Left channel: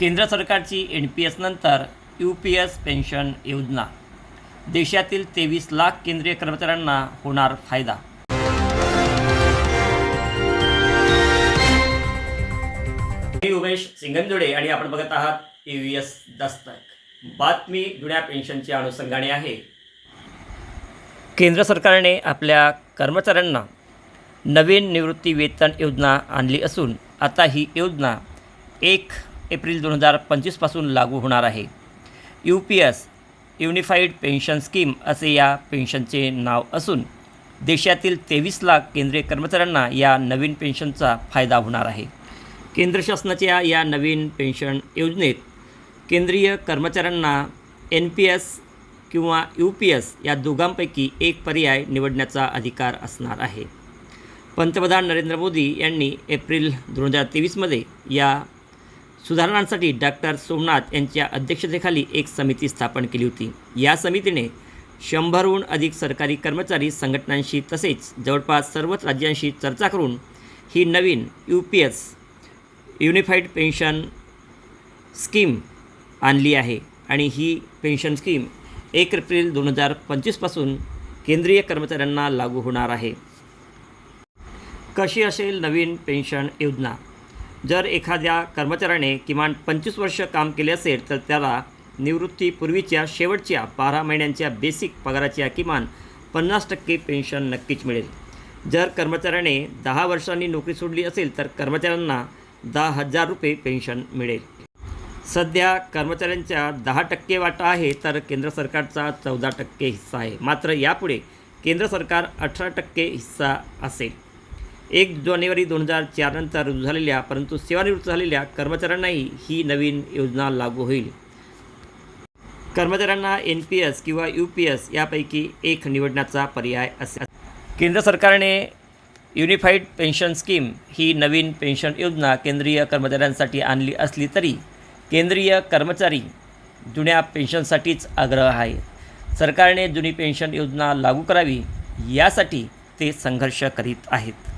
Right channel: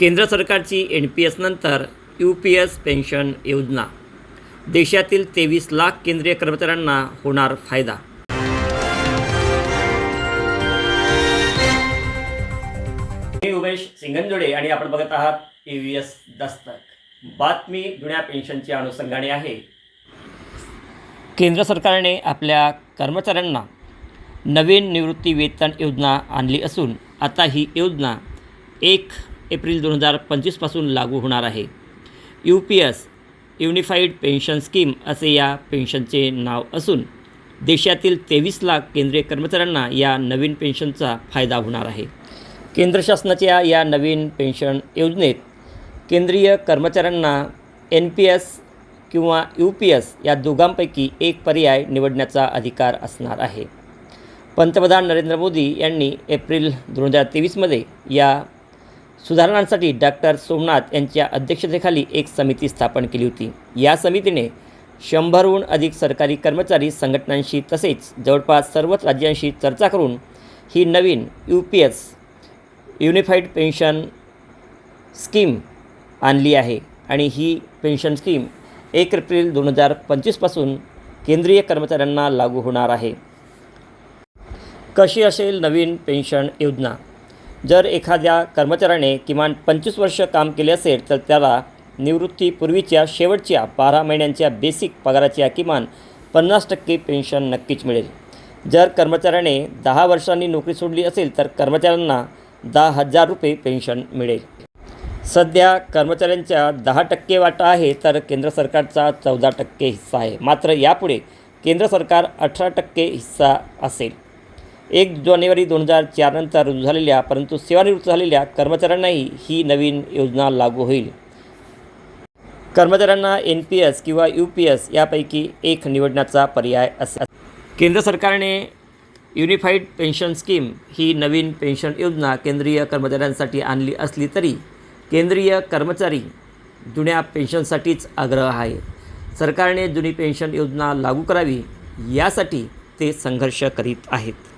केंद्र सरकारची N P S नंतर यू पी एस पेन्शन योजना. देशातील तेवीस लाख केंद्रीय कर्मचाऱ्यांना होणार फायदा. मी उमेश सिंगनजोडे आणि आपण बघत आहात ए व्ही एस दस्तक. बातमी जुन्या पेन्शनच्या अनुषंगाने आहे. केंद्र सरकारने आपल्या कर्मचाऱ्यांना नवीन निवृत्ती वेतन योजना आणली असून आता ही योजना एक एप्रिल दोन हजार पंचवीसपासून लागू होणार आहे. U P S unified pension scheme असे या पेन्शनचे नाव असून देशातील तेवीस लाख केंद्रीय कर्मचाऱ्यांना या नवीन पेन्शनचा फायदा होणार आहे. केंद्र शासनाच्या या नवीन पेन्शन योजनेत केंद्रीय कर्मचाऱ्यांना एन पी एस किंवा यू पी एस या दोघांपैकी एक पर्याय निवडण्याचा अधिकार असणार आहे. पंतप्रधान नरेंद्र मोदी यांनी एप्रिल दोन हजार तेवीसमध्ये या सुधारणांसाठी डॉक्टर सोमनाथ यांच्या अध्यक्षतेखाली एक समिती स्थापन केली होती. या समितीने शंभरहून अधिक सरकारी कर्मचारी संघटनांशी तसेच जवळपास सर्वच राज्यांशी चर्चा करून ही नवीन U P S unified pension scheme आणली आहे आणि ही पेन्शन स्कीम एक एप्रिल दोन हजार पंचवीसपासून केंद्रीय कर्मचाऱ्यांना लागू होणार आहे. कशी असेल नवीन पेन्शन योजना? जर एखाद्या कर्मचाऱ्याने किमान पंचवीस वर्ष काम केले असेल तर त्याला निवृत्तीपूर्वीच्या शेवटच्या बारा महिन्यांच्या बेसिक पगाराच्या किमान पन्नास टक्के पेन्शन नक्कीच मिळेल. जर कर्मचाऱ्याने दहा वर्षांनी नोकरी सोडली असेल तर कर्मचाऱ्यांना दहा हजार रुपये पेन्शन मिळेल. सध्या कर्मचाऱ्यांच्या दहा टक्के वाटा आहे तर केंद्र सरकारचा चौदा टक्के हिस्सा आहे. मात्र यापुढे केंद्र सरकार अठरा टक्के हिस्सा असेल. एक जानेवारी दोन हजार चारनंतर रुजू झालेल्या परंतु सेवानिवृत्त झालेल्या कर्मचाऱ्यांनाही ही नवीन योजना लागू होईल. कर्मचाऱ्यांना एन पी एस किंवा यू पी एस यापैकी एक निवडण्याचा पर्याय असेल. केंद्र सरकारने युनिफाईड पेन्शन स्कीम ही नवीन पेन्शन योजना केंद्रीय कर्मचाऱ्यांसाठी आणली असली तरी केंद्रीय कर्मचारी जुन्या पेन्शनसाठीच आग्रह आहे. सरकारने जुनी पेन्शन योजना लागू करावी यासाठी ते संघर्ष करीत आहेत.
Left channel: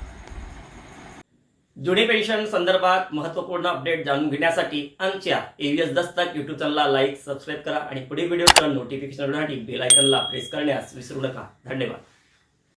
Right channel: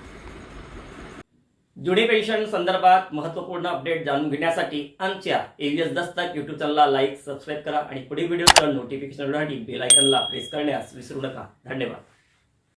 जुनी पेन्शन संदर्भात महत्त्वपूर्ण अपडेट जाणून घेण्यासाठी आमच्या एव्हीएस दस्तक युट्यूब चॅनलला लाईक सबस्क्राईब करा आणि पुढील व्हिडिओचं नोटिफिकेशन बेल आयकनला प्रेस करण्यास विसरू नका. धन्यवाद.